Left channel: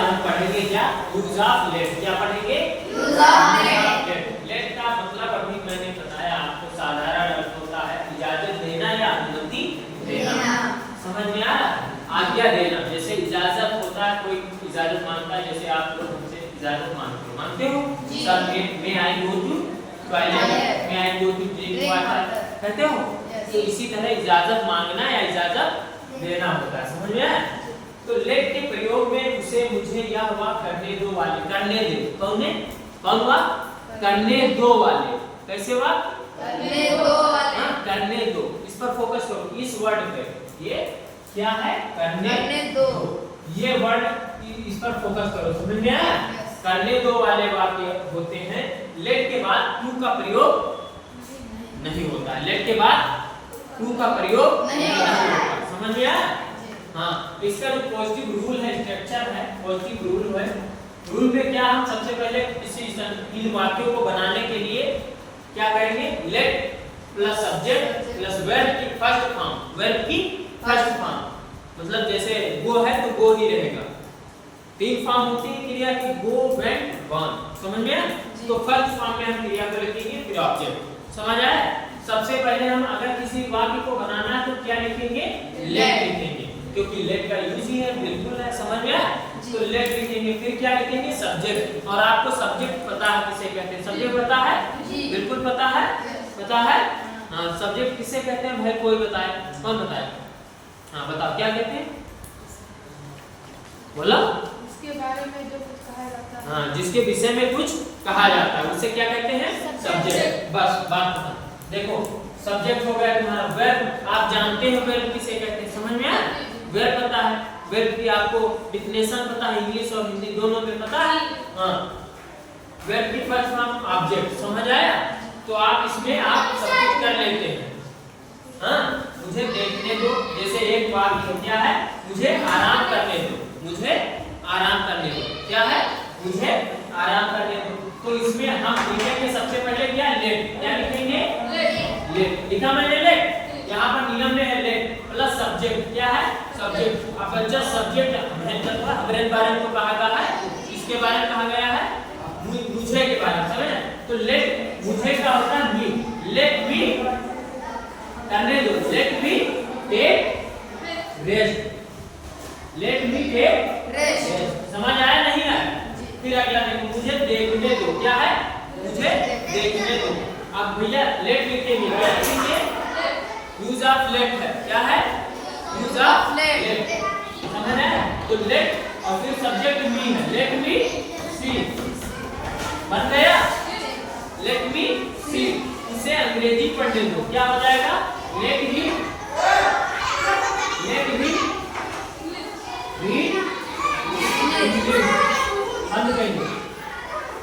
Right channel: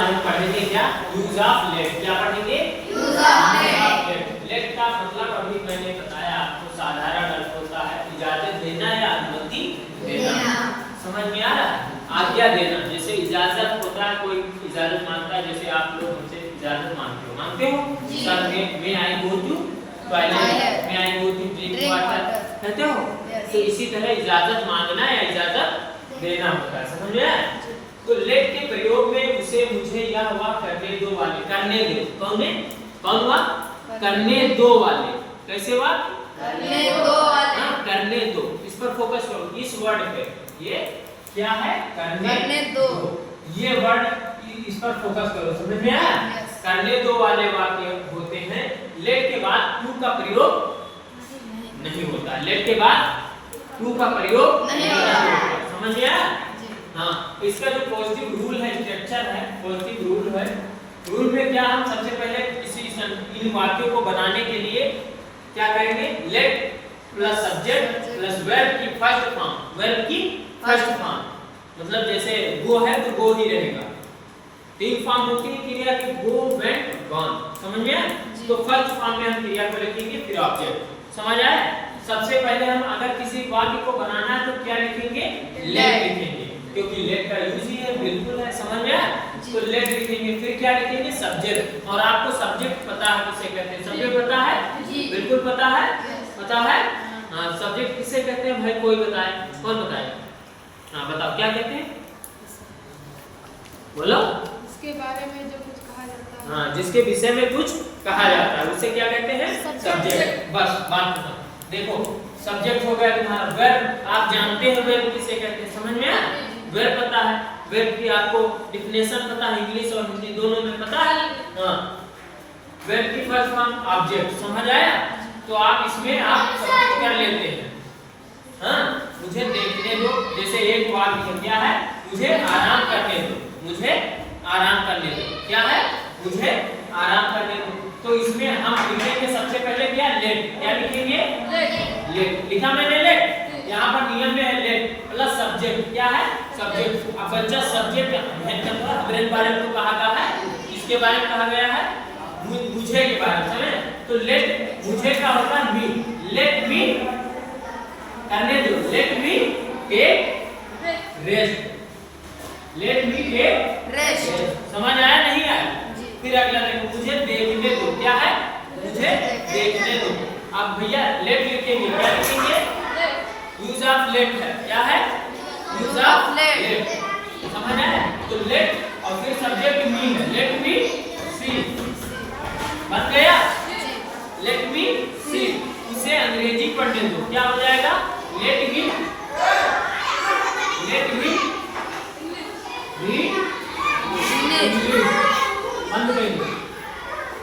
आज हम पढ़ेंगे क्या, यूज ऑफ लेट। क्या पढ़ेंगे, यूज ऑफ लेट। लेट का मतलब अभी मैंने बताया आपको, साधारण अर्थ होता है इजाजत देना या अनुमति देना। समझ में आ रहा है, आज्ञा देना। जैसे इजाजत होता है, कोई इजाजत मांगता है, जैसे आप लोग हमसे इजाजत मांगते हो सर मैं आई गो टू टॉयलेट, मैं आई गो टू ड्रिंक वाटर, कहते हो। तो इसी तरह इजाजत मांगना या इजाजत देना होता है। समझ में आया। तो लेट के प्रयोग में उसे, मुझे, यह, वह, करने दो वाले, करने दो, कौन हुआ, करने दो वाले। कैसे हुआ, करने दो वाले। करने दो, इस पर फोकस करो, इस वर्ड पे। ये क्या है, करने दो, ये वर्ड, इस पर फोकस करो। समझ में आया। करने दो वाले वाक्य होते हैं, लेट के बाद टू का प्रयोग नहीं होता। लेट के बाद टू का प्रयोग नहीं होता। समझ में आया। हाँ, इसका जो पॉजिटिव रूल है, स्ट्रक्चर है, पॉजिटिव रूल है। रूल में क्या, हम सबसे पहले इन वाक्यों को बनाने के लिए क्या करेंगे, late plus subject plus verb की फर्स्ट फॉर्म, वर्ब की फर्स्ट फॉर्म। मतलब जैसे गो है तो गो ही रहेगा। तीन फॉर्म होती है क्रिया की, गो, वेंट, गॉन। समझ में आया। तो फर्स्ट फॉर्म में हम क्रिया को लिखेंगे, फिर ऑब्जेक्ट। समझ आया। सबसे पहले हम अगर किसी वाक्य को बनाना है तो क्या लिखेंगे, लेट लिखेंगे, क्योंकि लेट का यूज ही है, बिल्कुल है। समझ में आया। तो लेट लिखेंगे, फिर क्या लिखेंगे, सब्जेक्ट। और आपको सब्जेक्ट पता है किसे कहते हैं, सब्जेक्ट पता है, बिल्कुल पता है, पता है। हाँ, सब्जेक्ट किसे कहते हैं भाई, कोई बताए, कौन बताए। हाँ बताओ क्या कहते हैं, बोलो। इसके बारे में जो कुछ कहा जाता है, हाँ, जिसके विषय में कुछ कहा जाता है उसे क्या कहते हैं, सब्जेक्ट। बस बात खत्म। देखो सब्जेक्ट हो गया तुम्हारा। वर्ब आप जानते हो वर्ब किसे कहते हैं, समझ में आया। वर्ब पता है, वर्ब की आपको डिफिनेशन पता है, इंग्लिश और हिंदी दोनों में पता है। हाँ, वर्ब की फर्स्ट फॉर्म ऑब्जेक्ट। समझ आया। तो आप इसमें आप सब कुछ कर लेते हैं। हाँ, मुझे देखने दो, जैसे एक वाक्य क्या है, मुझे आराम करने दो, मुझे आराम करने दो। क्या है, मुझे आराम करने दो। तो इसमें हम लिखेंगे सबसे पहले क्या, लेट। क्या लिखेंगे, लेट। लिखा मैंने लेट, यहाँ पर नियम में है लेट प्लस सब्जेक्ट। क्या है, सब्जेक्ट। अब बच्चा सब्जेक्ट हमारे बारे में तो कहा गया है, इसके बारे में कहा गया है मुझे के बारे में। समझे। तो लेट मुझे का होता है मी, लेट मी करने दो, let me take rest, let me take rest. समझ आया नहीं आया। फिर अगला देखो, मुझे देखने दो। क्या है, मुझे देखने दो। अब भैया लेट लिखेंगे, क्या लिखेंगे, यूज ऑफ लेट है। क्या है, यूज ऑफ लेट। समझ आया। तो लेट और फिर सब्जेक्ट मी है, लेट मी सी। बन गया, लेट मी सी। इसे अंग्रेजी पढ़ने दो, क्या हो जाएगा, लेट मी रीड